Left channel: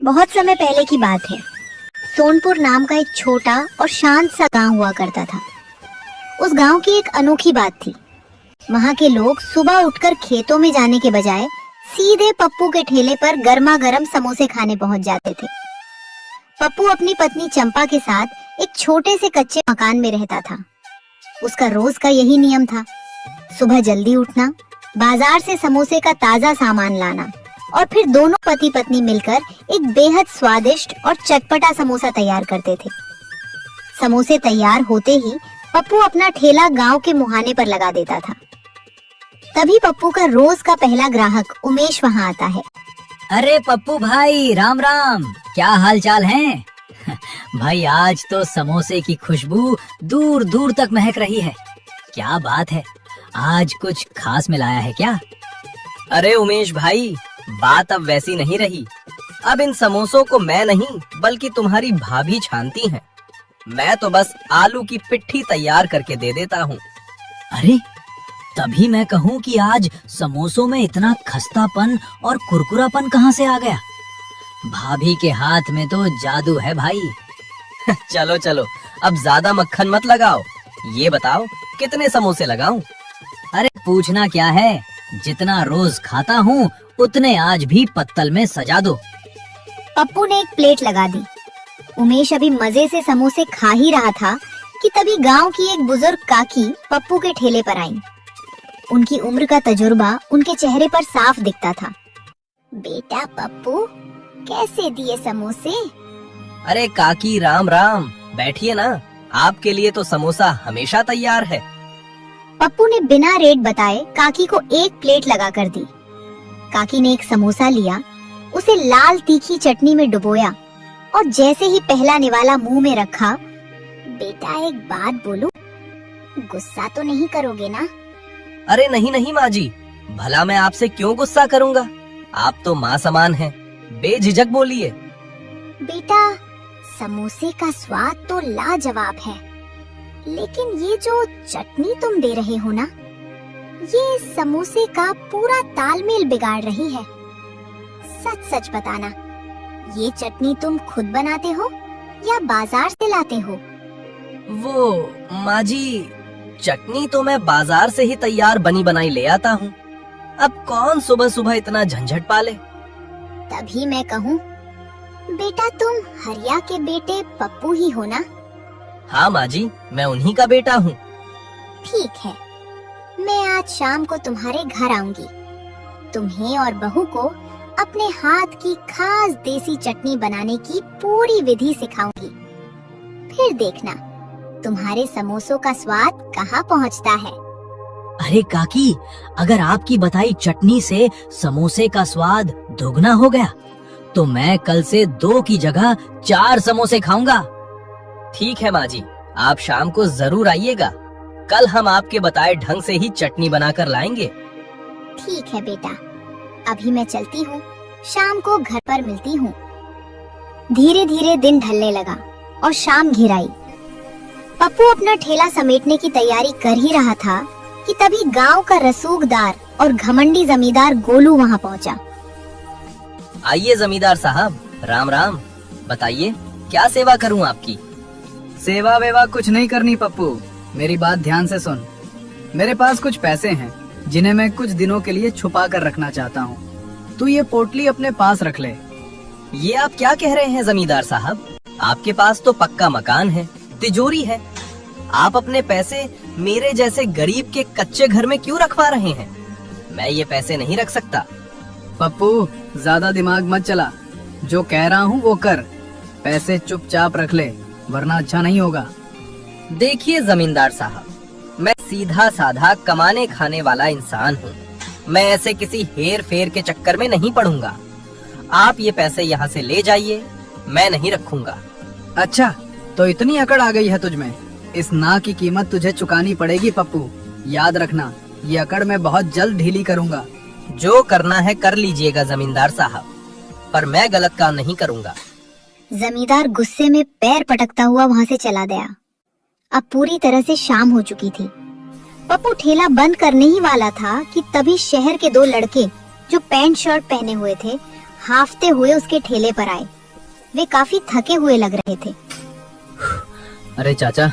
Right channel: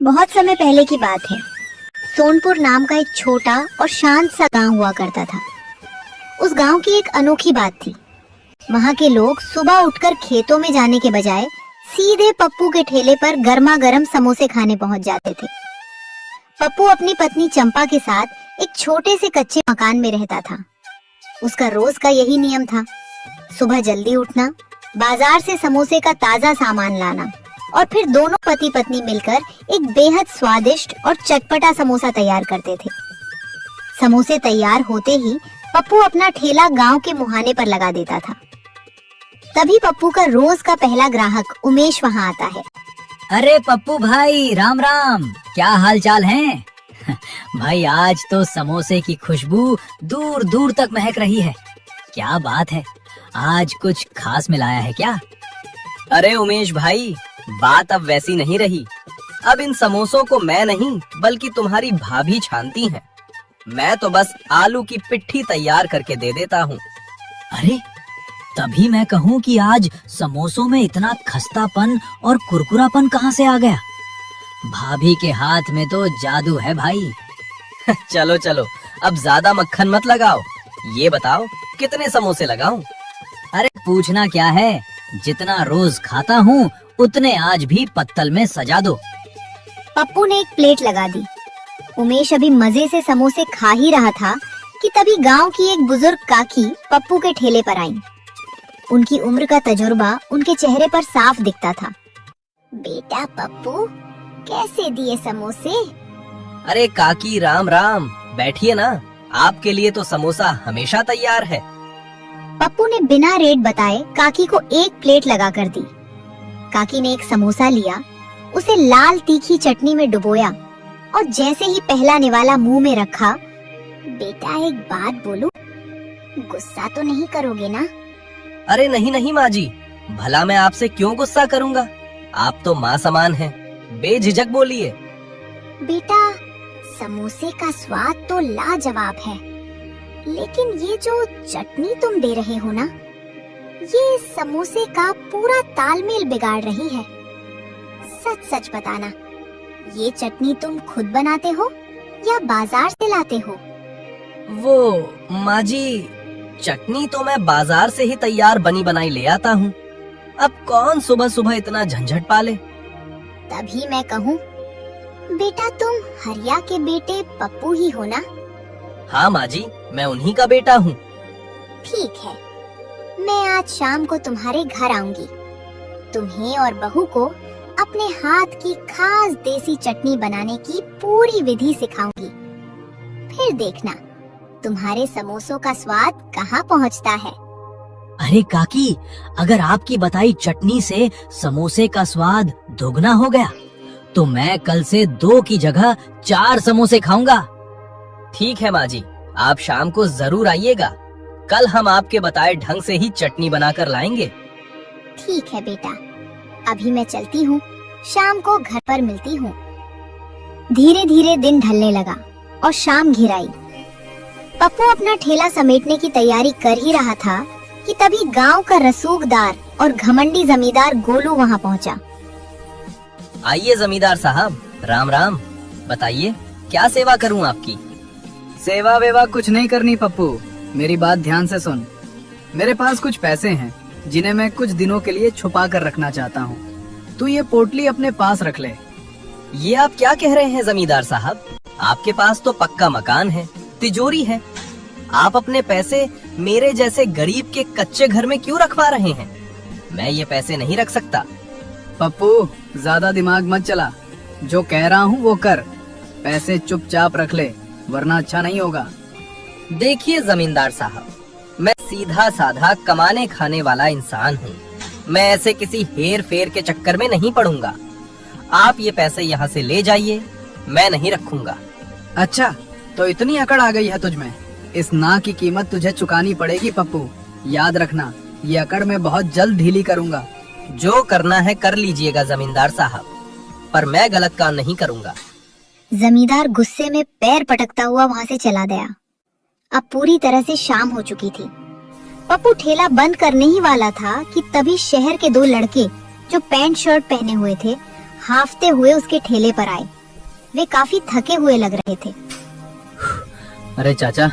बहुत समय पहले की बात है। सोनपुर नाम का एक छोटा और शांत सा गांव हुआ करता था। उस गांव की एक अनोखी बात थी। वहां के लोग सुबह उठकर खेतों में जाने के बजाय सीधे पप्पू के ठेले पर गर्मा गर्म समोसे खाने पहुंच जाते थे। पप्पू अपनी पत्नी चंपा के साथ एक छोटे से कच्चे मकान में रहता था। उसका रोज का यही नियम था, सुबह जल्दी उठना, बाजार से समोसे का ताजा सामान लाना और फिर दोनों पति पत्नी मिलकर एक बेहद स्वादिष्ट और चटपटा समोसा तैयार करते थे। समोसे तैयार होते ही पप्पू अपना ठेला गांव के मुहाने पर लगा देता था। तभी पप्पू का रोज का पहला ग्राहक उमेश वहां आता है। अरे पप्पू भाई, राम राम, क्या हाल चाल है? भाई आज तो समोसे की खुशबू दूर दूर तक महक रही है। क्या बात है, आज कुछ खास मिलाया है क्या? अरे उमेश भाई, बात अब वैसी नहीं रही। अब इन समोसों को मैं नहीं बल्कि तुम्हारी भाभी छानती हैं। मैं तो बस आलू की पिट्ठी तैयार करके दे देता हूँ। अरे तभी मैं कहूँ कि आज समोसों में इतना खस्तापन और कुरकुरापन कहाँ से आ गया? भाभी के हाथ में तो जादू है भाई। चलो चलो, अब ज्यादा मक्खन मत लगाओ। ये बताओ कितने समोसे लगाऊं? अरे पूछना क्या है, जितना रोज खाता हूँ उतने आज भी पत्तल में सजा दो। पप्पू ने एक प्लेट लगा दी। उमेश अभी मजे से समोसे खा ही रहा था कि तभी गांव की एक बुजुर्ग काकी पप्पू के ठेले पर आई। उनकी उम्र का तजुर्बा उनके चेहरे पर साफ दिखता था। बेटा पप्पू, कैसे दिए समोसे? अरे काकी, राम राम, बैठिए ना। आपके लिए तो समोसा हमेशा तैयार है। पप्पू ने बिना रेट बताए काकी को एक प्लेट लगा कर दी। काकी ने एक समोसा लिया, उसे लाल तीखी चटनी में डुबोया और जैसे ही पहला निवाला मुंह में रखा, बेटा एक बात बोलूं, गुस्सा तो नहीं करोगे ना? अरे नहीं नहीं माँ जी, भला मैं आपसे क्यों गुस्सा करूंगा? आप तो माँ समान हैं, बेझिझक बोलिए। बेटा समोसे का स्वाद तो लाजवाब है, लेकिन ये जो चटनी तुम दे रहे हो ना, ये समोसे का पूरा तालमेल बिगाड़ रही है। सच सच बताना, ये चटनी तुम खुद बनाते हो या बाजार से लाते हो? वो माँ जी, चटनी तो मैं बाजार से ही तैयार बनी बनाई ले आता हूँ। अब कौन सुबह सुबह इतना झंझट पाले। तभी मैं कहूँ, बेटा तुम हरिया के बेटे पप्पू ही हो ना? हाँ माँ जी, मैं उन्हीं का बेटा हूँ। ठीक है, मैं आज शाम को तुम्हारे घर आऊंगी। तुम्हें और बहू को अपने हाथ की खास देसी चटनी बनाने की पूरी विधि सिखाऊंगी। फिर देखना तुम्हारे समोसों का स्वाद कहाँ पहुँचता है। अरे काकी, अगर आपकी बताई चटनी से समोसे का स्वाद दुगना हो गया तो मैं कल से 2 की जगह 4 समोसे खाऊंगा। ठीक है माँ जी, आप शाम को जरूर आइएगा। कल हम आपके बताए ढंग से ही चटनी बनाकर लाएंगे। ठीक है बेटा, अभी मैं चलती हूँ, शाम को घर पर मिलती हूँ। धीरे धीरे दिन ढलने लगा और शाम घिर आई। पप्पू अपना ठेला समेटने की तैयारी कर ही रहा था कि तभी गांव का रसूखदार और घमंडी जमींदार गोलू वहां पहुंचा। आइए जमींदार साहब, राम राम। बताइए क्या सेवा करूं आपकी? सेवा वेवा कुछ नहीं करनी पप्पू, मेरी बात ध्यान से सुन। मेरे पास कुछ पैसे हैं जिन्हें मैं कुछ दिनों के लिए छुपा कर रखना चाहता हूँ। तू ये पोटली अपने पास रख ले। ये आप क्या कह रहे हैं जमींदार साहब? आपके पास तो पक्का मकान है, तिजोरी है। आप अपने पैसे मेरे जैसे गरीब के कच्चे घर में क्यों रखवा रहे हैं? मैं ये पैसे नहीं रख सकता। पप्पू ज्यादा दिमाग मत चला, जो कह रहा हूँ वो कर। पैसे चुपचाप रख ले, वरना अच्छा नहीं होगा। देखिए जमींदार साहब, मैं सीधा साधा कमाने खाने वाला इंसान हूँ। मैं ऐसे किसी हेर फेर के चक्कर में नहीं पड़ूंगा। आप ये पैसे यहाँ से ले जाइए, मैं नहीं रखूंगा। अच्छा, तो इतनी अकड़ आ गई है तुझमें? इस ना की कीमत तुझे चुकानी पड़ेगी पप्पू, याद रखना। ये अकड़ मैं बहुत जल्द ढीली करूंगा। जो करना है कर लीजिएगा जमींदार साहब, पर मैं गलत काम नहीं करूंगा। जमींदार गुस्से में पैर पटकता हुआ वहां से चला गया। अब पूरी तरह से शाम हो चुकी थी। पप्पू ठेला बंद करने ही वाला था कि तभी शहर के 2 लड़के जो पैंट शर्ट पहने हुए थे, हाफते हुए उसके ठेले पर आए। वे काफी थके हुए लग रहे थे। अरे चाचा,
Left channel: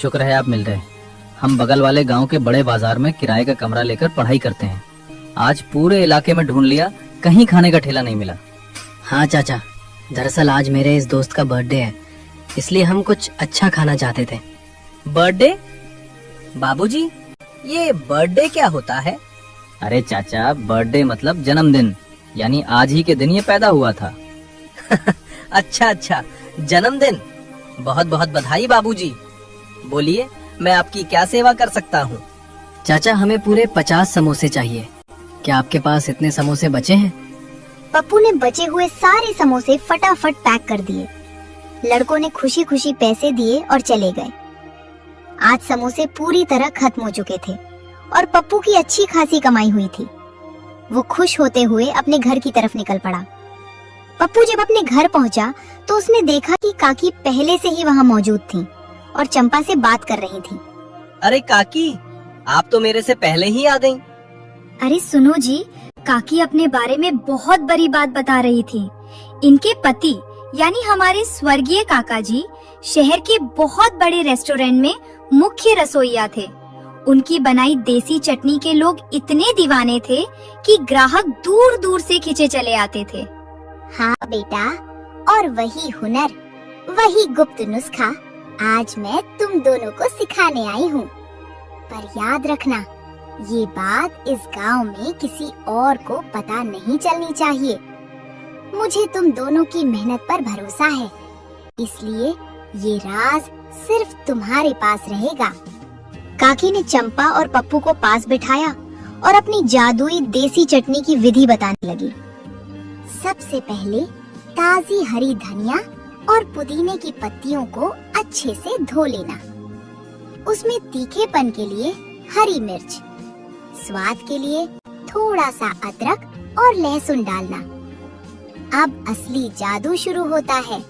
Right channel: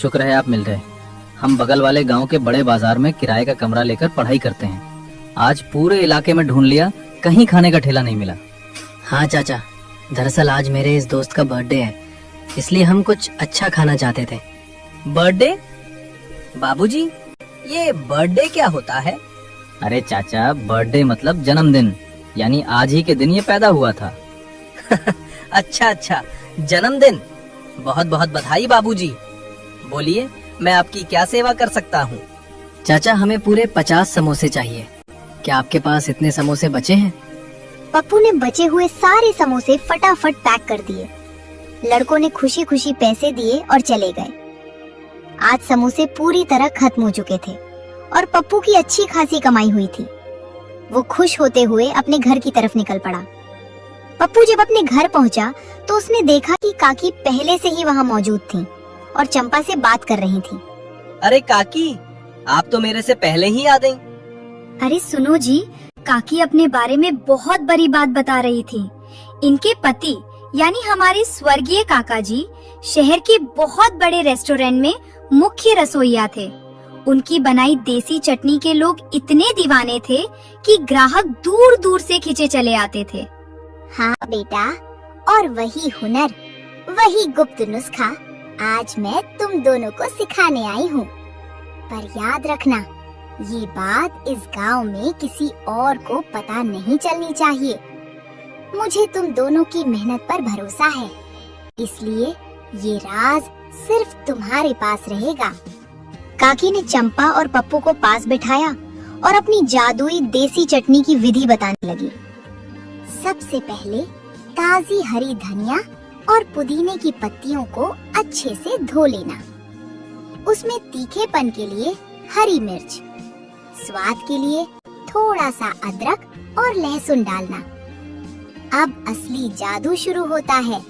शुक्र है आप मिल गए। हम बगल वाले गांव के बड़े बाजार में किराए का कमरा लेकर पढ़ाई करते हैं। आज पूरे इलाके में ढूंढ लिया, कहीं खाने का ठेला नहीं मिला। हाँ चाचा, दरअसल आज मेरे इस दोस्त का बर्थडे है, इसलिए हम कुछ अच्छा खाना चाहते थे। बर्थडे? बाबूजी, ये बर्थडे क्या होता है? अरे चाचा, बर्थडे मतलब जन्मदिन, यानी आज ही के दिन ये पैदा हुआ था। अच्छा, जन्मदिन। बहुत बहुत बधाई बाबूजी। बोलिए, मैं आपकी क्या सेवा कर सकता हूँ? चाचा, हमें पूरे 50 समोसे चाहिए। क्या आपके पास इतने समोसे बचे हैं? पप्पू ने बचे हुए सारे समोसे फटाफट पैक कर दिए। लड़कों ने खुशी खुशी पैसे दिए और चले गए। आज समोसे पूरी तरह खत्म हो चुके थे और पप्पू की अच्छी खासी कमाई हुई थी। वो खुश होते हुए अपने घर की तरफ निकल पड़ा। पप्पू जब अपने घर पहुंचा तो उसने देखा कि काकी पहले से ही वहां मौजूद थी और चंपा से बात कर रही थी। अरे काकी, आप तो मेरे से पहले ही आ गईं। अरे सुनो जी, काकी अपने बारे में बहुत बड़ी बात बता रही थी। इनके पति यानी हमारे स्वर्गीय काका जी शहर के बहुत बड़े रेस्टोरेंट में मुख्य रसोइया थे। उनकी बनाई देसी चटनी के लोग इतने दीवाने थे कि ग्राहक दूर दूर से खिंचे चले आते थे। हाँ बेटा, और वही हुनर, वही गुप्त नुस्खा आज मैं तुम दोनों को सिखाने आई हूँ। पर याद रखना, ये बात इस गांव में किसी और को पता नहीं चलनी चाहिए। मुझे तुम दोनों की मेहनत पर भरोसा है, इसलिए ये राज सिर्फ तुम्हारे पास रहेगा। काकी ने चंपा और पप्पू को पास बिठाया और अपनी जादुई देसी चटनी की विधि बताने लगी। सबसे पहले ताजी हरी धनिया और पुदीने की पत्तियों को अच्छे से धो लेना। उसमें तीखेपन के लिए हरी मिर्च, स्वाद के लिए थोड़ा सा अदरक और लहसुन डालना। अब असली जादू शुरू होता है।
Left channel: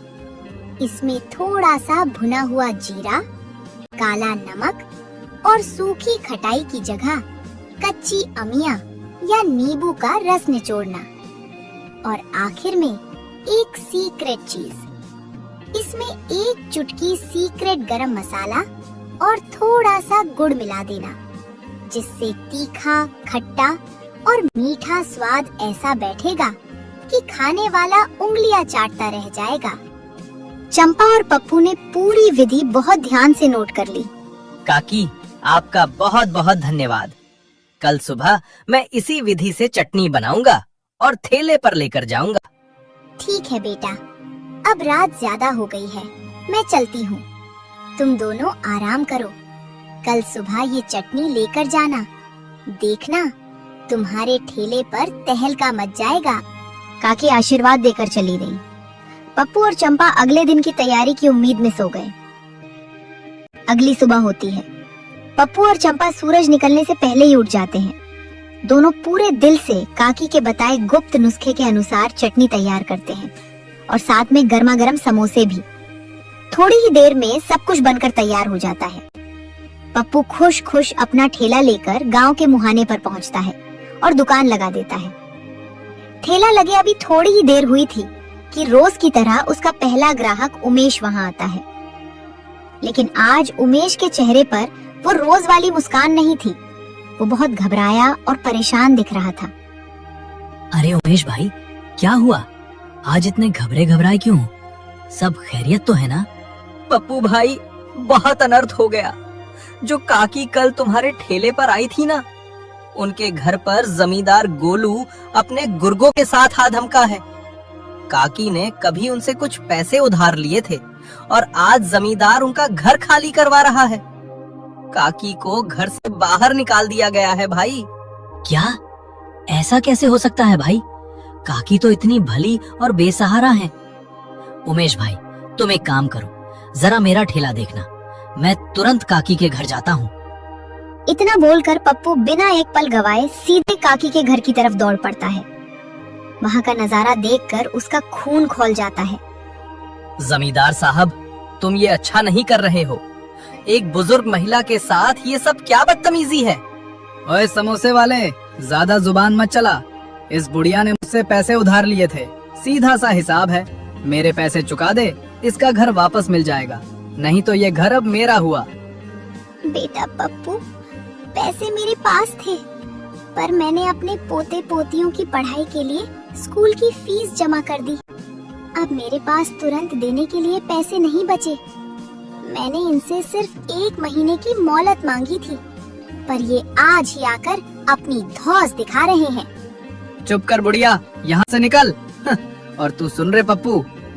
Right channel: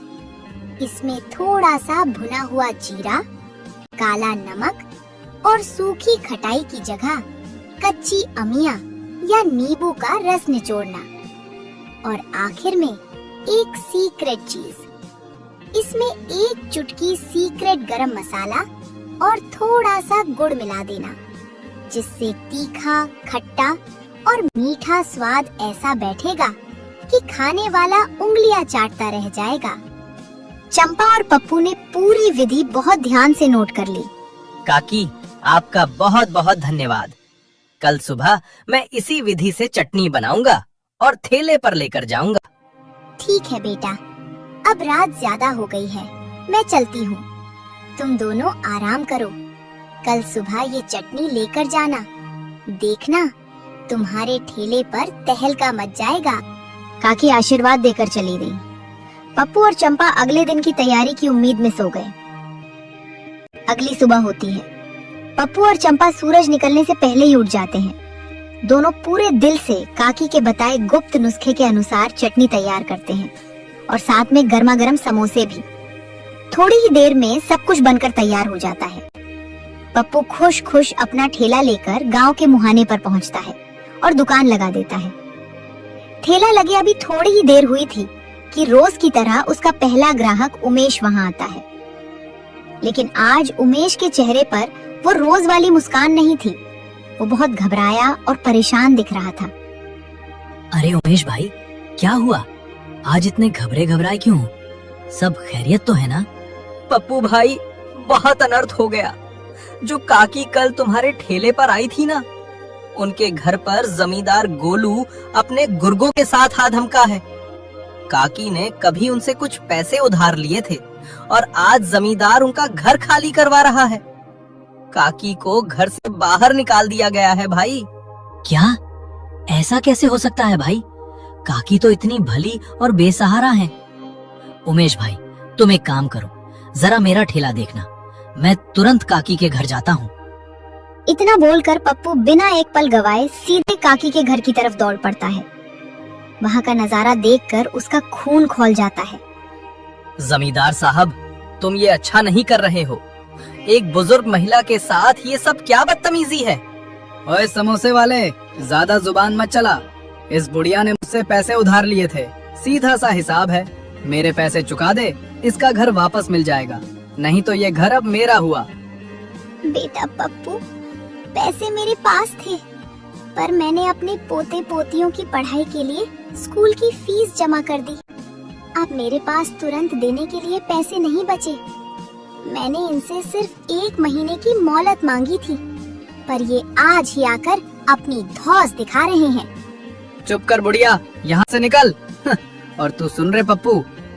इसमें थोड़ा सा भुना हुआ जीरा, काला नमक और सूखी खटाई की जगह कच्ची अमिया या नींबू का रस निचोड़ना। और आखिर में एक सीक्रेट चीज, इसमें एक चुटकी सीक्रेट गरम मसाला और थोड़ा सा गुड़ मिला देना, जिससे तीखा, खट्टा और मीठा स्वाद ऐसा बैठेगा कि खाने वाला उंगलियां चाटता रह जाएगा। चंपा और पप्पू ने पूरी विधि बहुत ध्यान से नोट कर ली। काकी, आपका बहुत बहुत धन्यवाद। कल सुबह मैं इसी विधि से चटनी बनाऊंगा और ठेले पर लेकर जाऊंगा। ठीक है बेटा, अब रात ज्यादा हो गई है, मैं चलती हूँ। तुम दोनों आराम करो। कल सुबह ये चटनी लेकर जाना। देखना, तुम्हारे ठेले पर तहलका मच जाएगा। काकी आशीर्वाद देकर चली गई। पप्पू और चंपा अगले दिन की तैयारी की उम्मीद में सो गए। अगली सुबह होती है। पप्पू और चंपा सूरज निकलने से पहले ही उठ जाते हैं। दोनों पूरे दिल से काकी के बताए गुप्त नुस्खे के अनुसार चटनी तैयार करते हैं और साथ में गर्मा गर्म समोसे भी। थोड़ी ही देर में सब कुछ बनकर तैयार हो जाता है। पप्पू खुश खुश अपना ठेला लेकर गांव के मुहाने पर पहुंचता है और दुकान लगा देता है। ठेला लगे अभी थोड़ी ही देर हुई थी कि रोज की तरह उसका पहला ग्राहक उमेश वहां आता है। लेकिन आज उमेश के चेहरे पर वो रोज वाली मुस्कान नहीं थी। वो बहुत घबराया और परेशान दिख रहा था। अरे उमेश भाई, क्या हुआ? आज इतने घबराए क्यों? सब खैरियत तो है ना? पप्पू भाई, बहुत अनर्थ हो गया। जो काकी कल तुम्हारे ठेले पर आई थी ना, उनके घर पर जमींदार गोलू अपने गुर्गों के साथ आ धमका है। काकी ने कभी उनसे कुछ पैसे उधार लिए थे और आज जमींदार उनका घर खाली करवा रहा है। काकी को घर से बाहर निकाल दिया गया है भाई। क्या? ऐसा कैसे हो सकता है भाई? काकी तो इतनी भली और बेसहारा हैं। उमेश भाई, तुम एक काम करो, जरा मेरा ठेला देखना। मैं तुरंत काकी के घर जाता हूँ। इतना बोलकर पप्पू बिना एक पल गवाए सीधे काकी के घर की तरफ दौड़ पड़ता है। वहाँ का नजारा देखकर उसका खून खौल जाता है। जमींदार साहब, तुम ये अच्छा नहीं कर रहे हो। एक बुजुर्ग महिला के साथ ये सब क्या बदतमीजी है? ओए समोसे वाले, ज्यादा जुबान मत चला। इस बुढ़िया ने मुझसे पैसे उधार लिए थे सीधा सा हिसाब है, मेरे पैसे चुका दे, इसका घर वापस मिल जाएगा, नहीं तो ये घर अब मेरा हुआ। बेटा पप्पू, पैसे मेरे पास थे, पर मैंने अपने पोते पोतियों की पढ़ाई के लिए स्कूल की फीस जमा कर दी। अब मेरे पास तुरंत देने के लिए पैसे नहीं बचे। मैंने इनसे सिर्फ 1 महीने की मोहलत मांगी थी, पर ये आज ही आकर अपनी धौंस दिखा रहे हैं। चुप कर बुढ़िया, यहाँ से निकल। और तू सुन रहे पप्पू,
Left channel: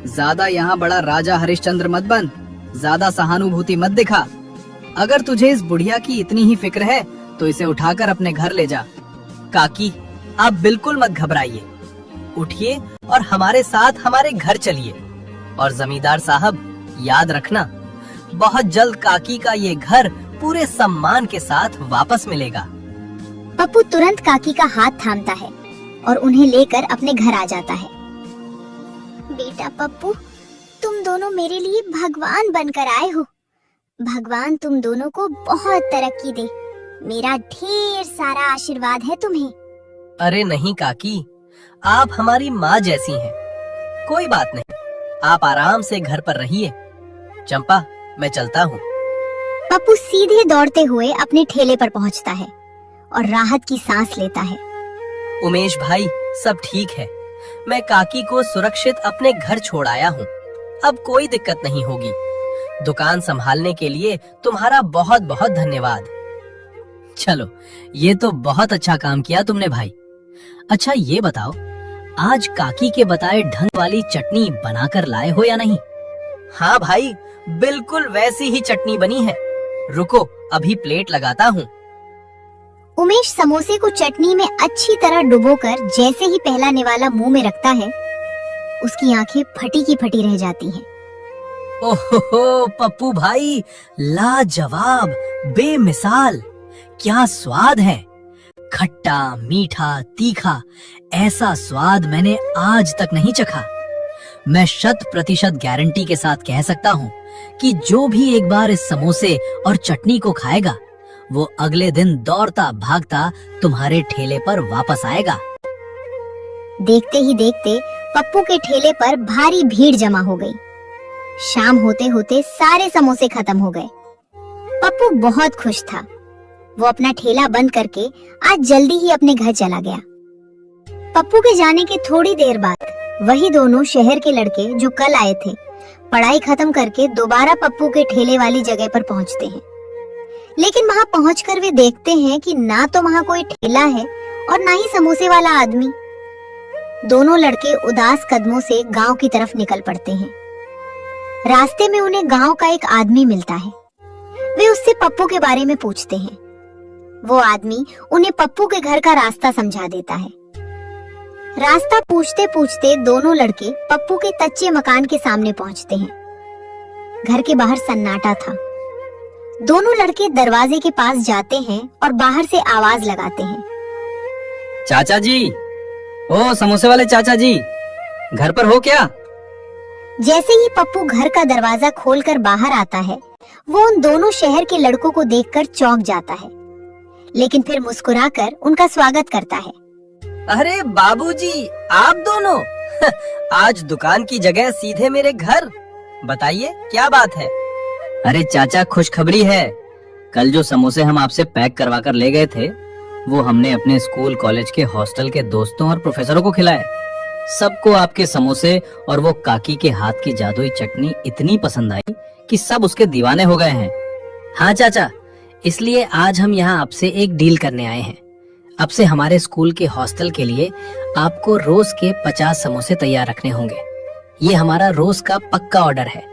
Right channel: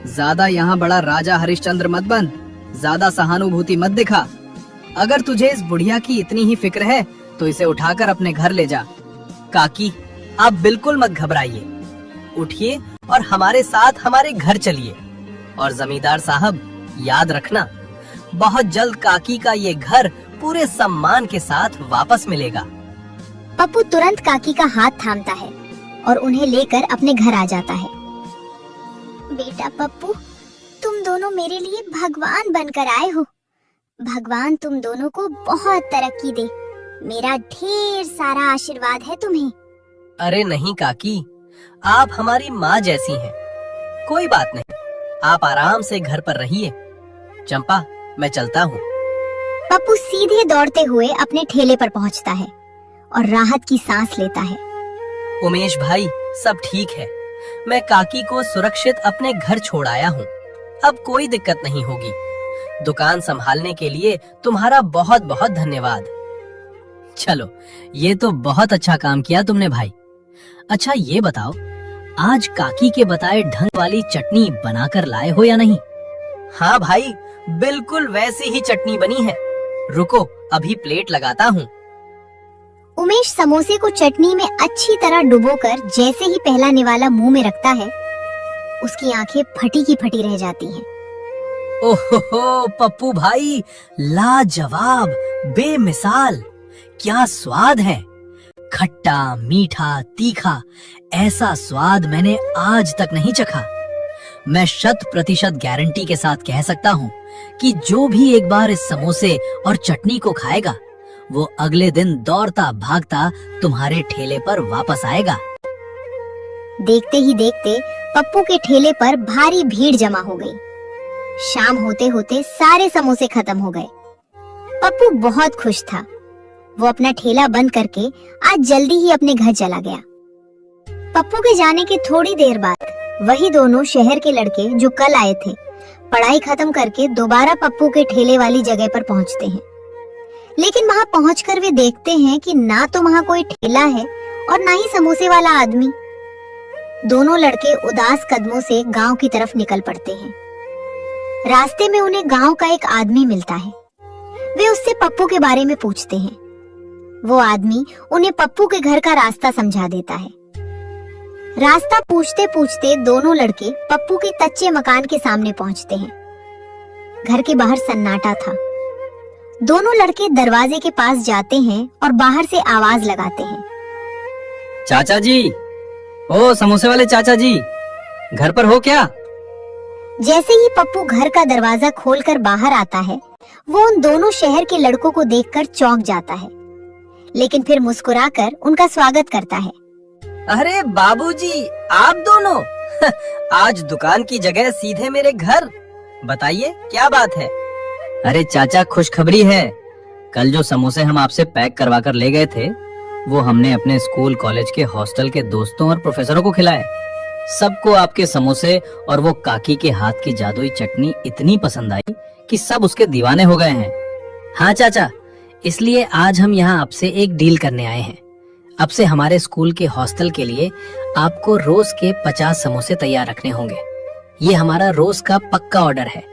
ज्यादा यहाँ बड़ा राजा हरिश्चंद्र मत बन, ज्यादा सहानुभूति मत दिखा। अगर तुझे इस बुढ़िया की इतनी ही फिक्र है तो इसे उठाकर अपने घर ले जा। काकी, आप बिल्कुल मत घबराइए, उठिए और हमारे साथ हमारे घर चलिए। और जमींदार साहब, याद रखना, बहुत जल्द काकी का ये घर पूरे सम्मान के साथ वापस मिलेगा। पप्पू तुरंत काकी का हाथ थामता है और उन्हें लेकर अपने घर आ जाता है। बेटा पप्पू, तुम दोनों मेरे लिए भगवान बनकर आए हो। भगवान तुम दोनों को बहुत तरक्की दे। मेरा ढेर सारा आशीर्वाद है तुम्हें। अरे नहीं काकी, आप हमारी माँ जैसी हैं। कोई बात नहीं, आप आराम से घर पर रहिए। चंपा, मैं चलता हूँ। पप्पू सीधे दौड़ते हुए अपने ठेले पर पहुँचता है और राहत की सांस लेता है। उमेश भाई, सब ठीक है। मैं काकी को सुरक्षित अपने घर छोड़ आया हूँ। अब कोई दिक्कत नहीं होगी। दुकान संभालने के लिए तुम्हारा बहुत बहुत धन्यवाद। चलो, ये तो बहुत अच्छा काम किया तुमने भाई। अच्छा ये बताओ, आज काकी के बताए ढंग वाली चटनी बनाकर लाए हो या नहीं? हाँ भाई, बिल्कुल वैसी ही चटनी बनी है। रुको, अभी प्लेट लगाता हूँ। उमेश समोसे को चटनी में अच्छी तरह डुबोकर जैसे ही पहला निवाला मुंह में रखता है, उसकी आंखें फटी की फटी रह जाती हैं। ओहो पप्पू भाई, लाजवाब, बेमिसाल, क्या स्वाद है। खट्टा, मीठा, तीखा, ऐसा स्वाद मैंने आज तक नहीं चखा। मैं 100% गारंटी के साथ कह सकता हूँ कि जो भी एक बार इस समोसे और चटनी को खाएगा, वो अगले दिन दौड़ता भागता तुम्हारे ठेले पर वापस आएगा। देखते ही देखते पप्पू के ठेले पर भारी भीड़ जमा हो गई। शाम होते होते सारे समोसे खत्म हो गए। पप्पू बहुत खुश था। वो अपना ठेला बंद करके आज जल्दी ही अपने घर चला गया। पप्पू के जाने के थोड़ी देर बाद वही दोनों शहर के लड़के जो कल आए थे, पढ़ाई खत्म करके दोबारा पप्पू के ठेले वाली जगह पर पहुंचते हैं। लेकिन वहां पहुंचकर वे देखते हैं कि ना तो वहां कोई ठेला है और ना ही समोसे वाला आदमी। दोनों लड़के उदास कदमों से गांव की तरफ निकल पड़ते हैं। रास्ते में उन्हें गांव का एक आदमी मिलता है। वे उससे पप्पू के बारे में पूछते हैं। वो आदमी उन्हें पप्पू के घर का रास्ता समझा देता है। रास्ता पूछते पूछते दोनों लड़के पप्पू के कच्चे मकान के सामने पहुंचते हैं। घर के बाहर सन्नाटा था। दोनों लड़के दरवाजे के पास जाते हैं और बाहर से आवाज लगाते हैं। चाचा जी, ओ समोसे वाले चाचा जी, घर पर हो क्या? जैसे ही पप्पू घर का दरवाजा खोलकर बाहर आता है, वो उन दोनों शहर के लड़कों को देखकर चौंक जाता है, लेकिन फिर मुस्कुराकर उनका स्वागत करता है। अरे बाबूजी, आप दोनों आज दुकान की जगह सीधे मेरे घर। बताइए क्या बात है? अरे चाचा, खुशखबरी है। कल जो समोसे हम आपसे पैक करवा कर ले गए थे, वो हमने अपने स्कूल कॉलेज के हॉस्टल के दोस्तों और प्रोफेसरों को खिलाए। सबको आपके समोसे और वो काकी के हाथ की जादुई चटनी इतनी पसंद आई कि सब उसके दीवाने हो गए हैं। हाँ चाचा, इसलिए आज हम यहाँ आपसे एक डील करने आए हैं। अब से हमारे स्कूल के हॉस्टल के लिए आपको रोज के 50 समोसे तैयार रखने होंगे। ये हमारा रोज का पक्का ऑर्डर है।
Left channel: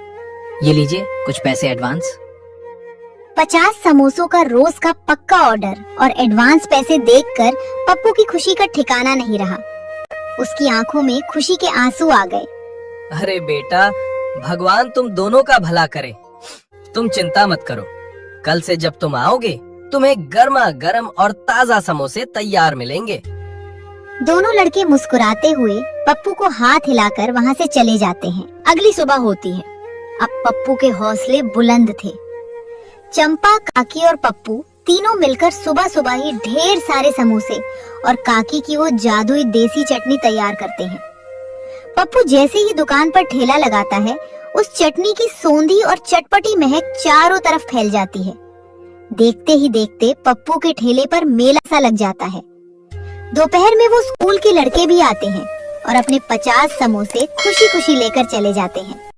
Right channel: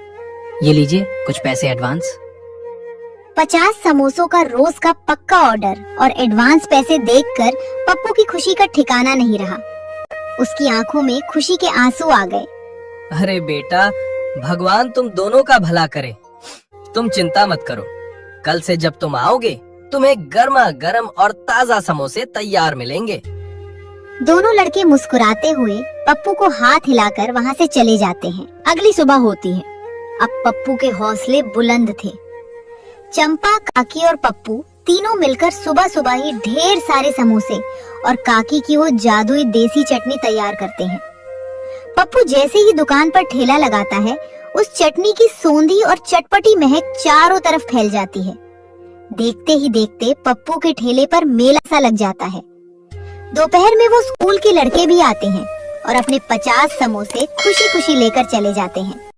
ये लीजिए कुछ पैसे एडवांस। 50 समोसों का रोज का पक्का ऑर्डर और एडवांस पैसे देखकर पप्पू की खुशी का ठिकाना नहीं रहा। उसकी आंखों में खुशी के आंसू आ गए। अरे बेटा, भगवान तुम दोनों का भला करे। तुम चिंता मत करो, कल से जब तुम आओगे तुम्हें गर्मा गर्म और ताजा समोसे तैयार मिलेंगे। दोनों लड़के मुस्कुराते हुए पप्पू को हाथ हिलाकर वहां से चले जाते हैं। अगली सुबह होती है। अब पप्पू के हौसले बुलंद थे। चंपा, काकी और पप्पू तीनों मिलकर सुबह सुबह ही ढेर सारे समोसे और काकी की वो जादुई देसी चटनी तैयार करते हैं। पप्पू जैसे ही दुकान पर ठेला लगाता है, उस चटनी की सौंधी और चटपटी महक चारों तरफ फैल जाती है। देखते ही देखते पप्पू के ठेले पर मेला सा लग जाता है। दोपहर में वो स्कूल के लड़के भी आते हैं और अपने 50 समोसे खुशी खुशी लेकर चले जाते हैं।